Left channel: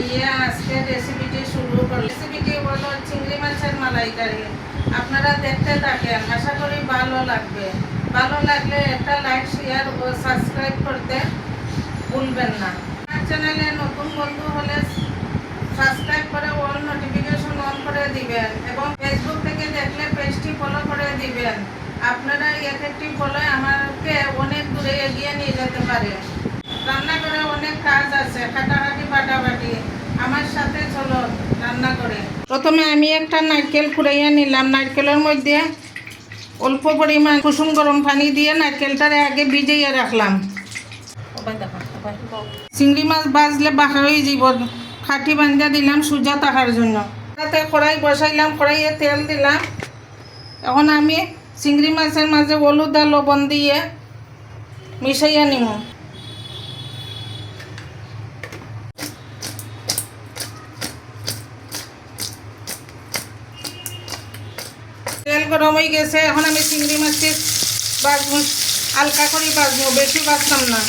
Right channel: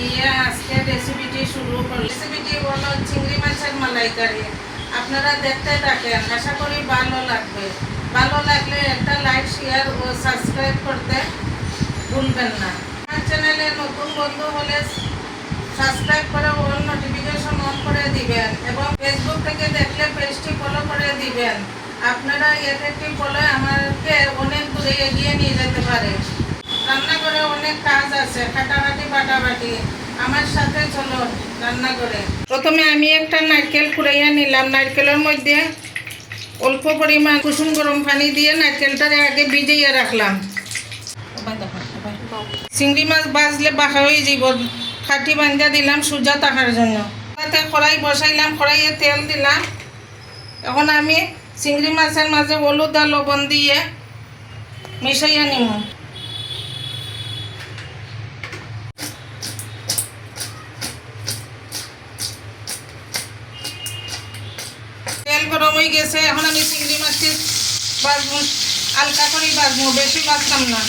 বানিয়ে আজকে রেসিপিটি শুরু করি। রেসিপিটি হলো চিংড়ি মাছের মালাইকারি। আপনারা দেখতে থাকেন, আশা করি ভালো লাগবে। ভালো লাগলে একটা লাইক, শেয়ার ও সাবস্ক্রাইব করতে ভুলবেন না। আমার চ্যানেলে নতুন বন্ধু হলে সাবস্ক্রাইব করে অল নোটিফিকেশন অন করে দিবেন এবং ফেসবুক থেকে দেখলে পেজটি ফলো করে দিবেন। আপনারা এক একটি ফলো আমাকে অনেক দূরে এগিয়ে নিয়ে যেতে পারে। রান্নাঘরে অনেক কাজ আছে, কাটাকাটি বাটাবাটি। আমার সাথে চলো রান্না করে। প্রথমে আমি একটা নারকেল কুড়াইয়া নিলাম। নারকেলের মধ্যে অল্প পরিমাণ কুসুম গরম পানি দিয়ে নারকেলটারে আগে ভিজিয়ে রাখলাম। চিংড়ি মাছ ভাজলে বাঁকা হয়ে যাব, খাটি বান্ধা দিলাম সোজা থাকার জন্য। তাতে কড়াই বসাইলাম, কড়াইয়ে তেল দিলাম। এখন আমি চিংড়ি মাছের মাঝে হলুদ আর লবণ দিয়ে মিশাইয়া নিব। তেল গরম হয়ে গেছে, এখন আমি চিংড়ি মাছটি ভাজবো, হালকা করে ভাজবো, বেশি ভাজতাম না।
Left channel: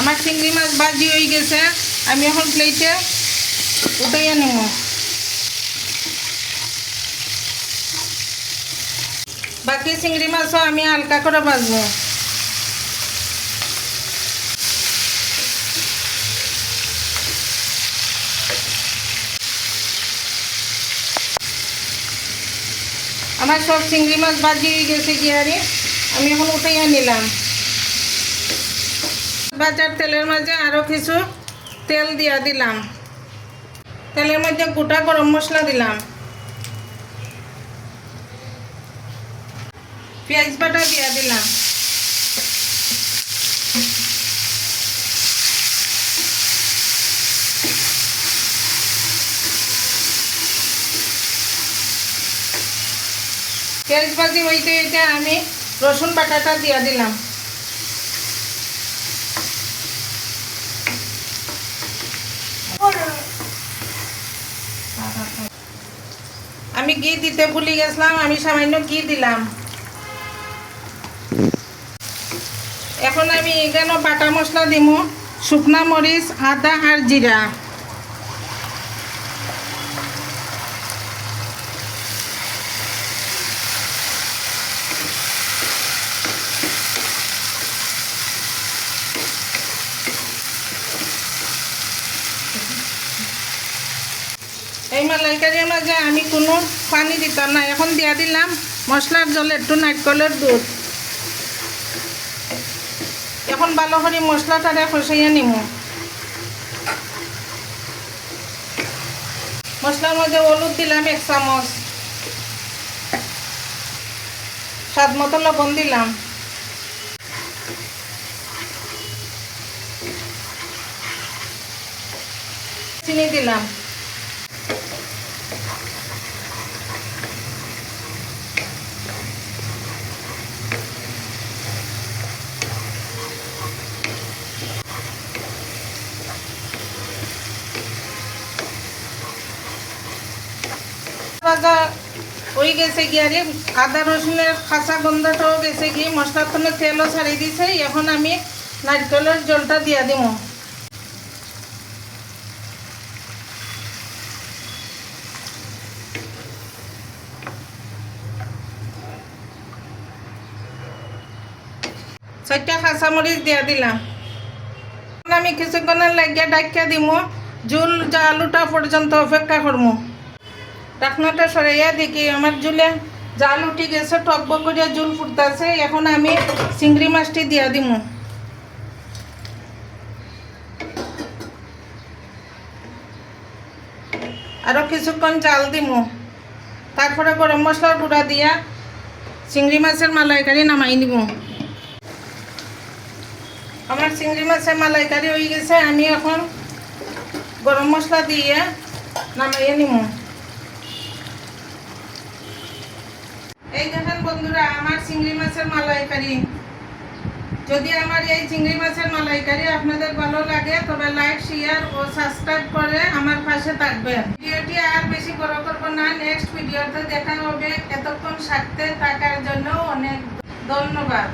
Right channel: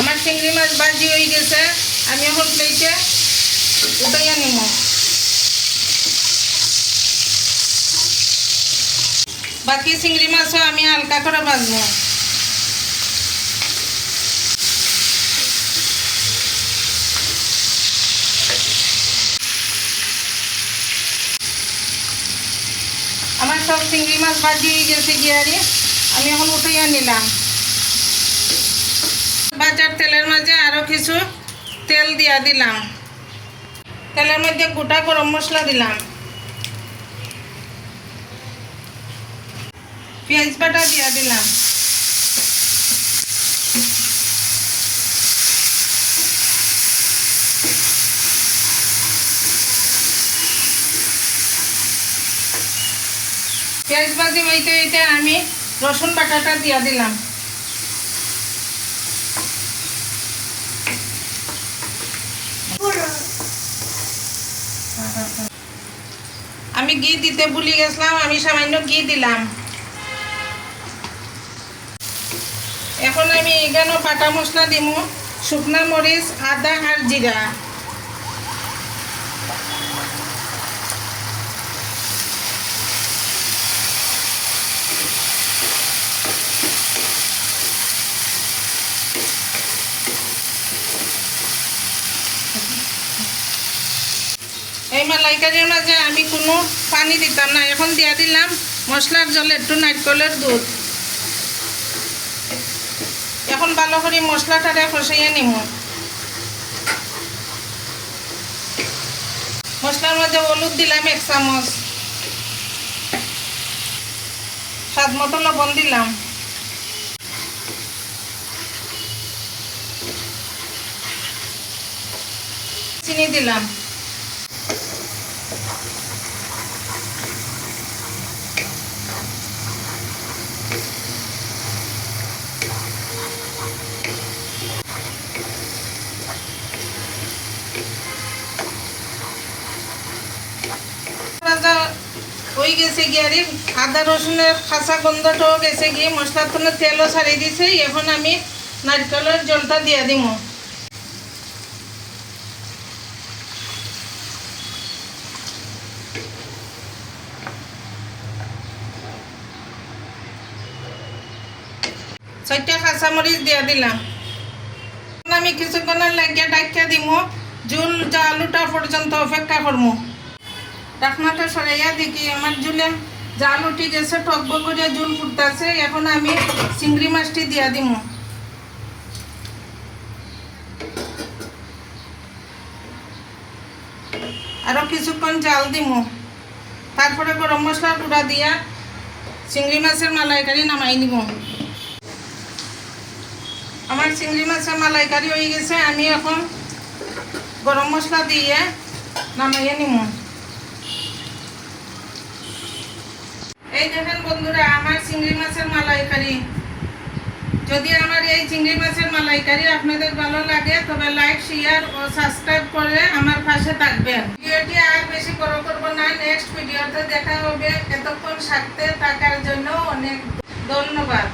আমার চিংড়ি মাছ ভাজি হয়ে গেছে, আমি এখন প্লেটে উঠাইয়া নেব। বাকি চিংড়ি মাছও আমি হালকা করে ভাজবো। আমার সব চিংড়ি মাছ ভাজি হয়ে গেছে গিয়ারি, আমি এখন উঠাইয়া নিলাম। ভাজার তেলের মাঝে আরও কিছু তেল দিয়া দিলাম। তেলের মধ্যে গোটা গরম মশলা দিলাম, পেঁয়াজ বাটা দিয়া দিলাম, পেঁয়াজ ভাজি হইতে হইতে আমি রসুন বাটাটা দিয়া দিলাম। আমি ঘি দিতে ভুলে গেছিলাম, আমি সামান্য ঘি দিলাম। এখন আমি এখানে বাটা মশলা দিব, শুকনা মরিচ, আদা আর জিরা। এই মালাইকারির মাঝে আমি কোনো পানি দিতাম না, এখন দিয়া দিলাম মশলার জল, একটু নারকেলের দুধ। এখন ভালো করে মশলাটারে কষাইয়া নিব। মশলার মধ্যে হলুদ দিলাম 1 চামচ, স্বাদ মতো লবণ দিলাম, চিনি দিলাম। হয়ে গেছে গিয়ারি, আদা রসুনের কাঁচা গন্ধটাও গেছে গিয়ে, মশলার তো তেলও ছাড়িয়ে দিয়েছে। এখন আমি নারকেলের জলটা দিয়ে দিব। চারটা কাঁচামরিচ দিয়ে দিলাম। আমি কিছুক্ষণের লাগিয়ে ডাকিয়ে দিব, জুল জালুটা পর্যন্ত অপেক্ষা করবো। ঢাকনাটা সরাইয়া দেখি আমার জুলে জাল উঠে গেছে, টকবক করে জুল ফুটতেছে। এখন আমি চিংড়ি মাছটি দিয়া দিব। আরও কিছুক্ষণ জাল দিব, তারপরে গরম মশলা গুঁড়া দিয়া চিংড়ি মাছের মালাইকারি নামাই নিব। আমার চিংড়ি মাছের মালাইকারি হয়ে গেছে, আমি এখন গরম মশলা দিয়ে নামাইয়ে নিব। এই দেখেন বন্ধুরা, আমার চিংড়ি মাছের মালাইকারি। যদি আমার এই চিংড়ি মাছের মালাইকারি আপনাদের ভালো লাগে তবে লাইক, শেয়ার ও সাবস্ক্রাইব করে আমার পাশে থাকবেন। ভিডিওটি আর বেশি বড় করবো না, নেক্সট ভিডিওতে দেখা হবে। এতক্ষণ সাথে থাকার জন্য অনেক ধন্যবাদ।